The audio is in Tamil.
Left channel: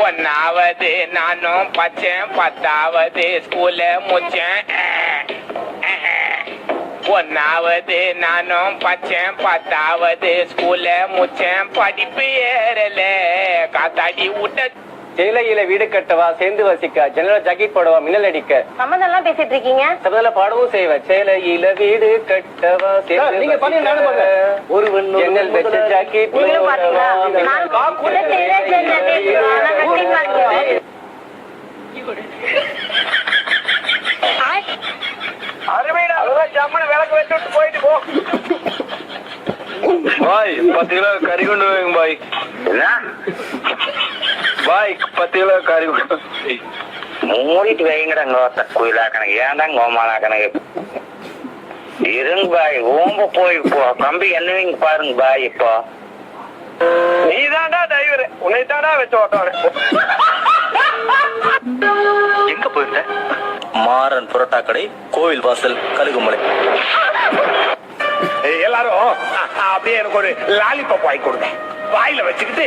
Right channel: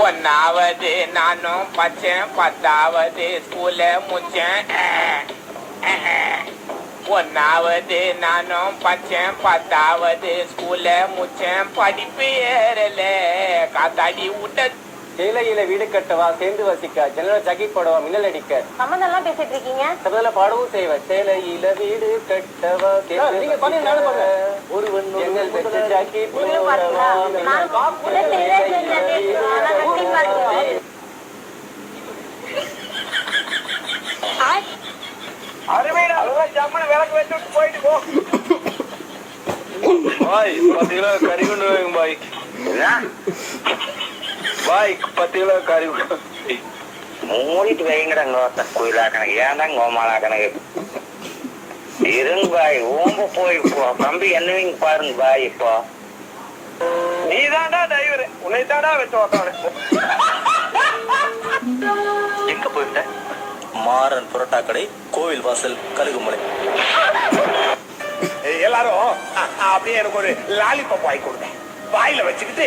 ஒன்னாவது நானும் பச்சேன், 10வது ஸ்கூல முச்சேன். ஒன்னாவது நானும் பச்சேன், 10வது ஸ்கூல முச்சேன். படிப்பு ஏறல காத்தாடி விட்ட. சேலையில வீடு கட்டவா, சேர்ந்து வசிக்க, ஜன்னல ஜாக்கெட் போடவா, மின்னல் அடிக்க. சம்மந்தம் பேசிட்டு இருக்கீங்க. சபதல பாடவும் செய்வேன். சேலையில வீடு கட்டவா, சேர்ந்து வசிக்க, ஒருவன் ஜன்னல் வச்ச ஜாக்கெட் போடவா. பாய் 10 கிலோ கறி கொண்டு வாங்க பாய். பாய் 10 கிலோ கறி மூடிட்டு வைங்கடா. குயிலா கணக்கு ஏன்டா கோமாலா கணக்கு இருங்க பாய். ஓம்ப போய் தம்பி என்னவீங்க பாருங்க பாய். இப்போ நீதான்டா டிரைவர், உன்னைத்தாடா வச்சு ஓட்டாரு. எங்க போயிருந்த? மாறன் புரோட்டா கடை, கோவில் வாசல், கழுகுமலை. எல்லாரும் அப்படியே எனக்கு ஒரு லாலிபாப் வாங்கி கொடுங்க. வாயில வச்சுக்கிட்டு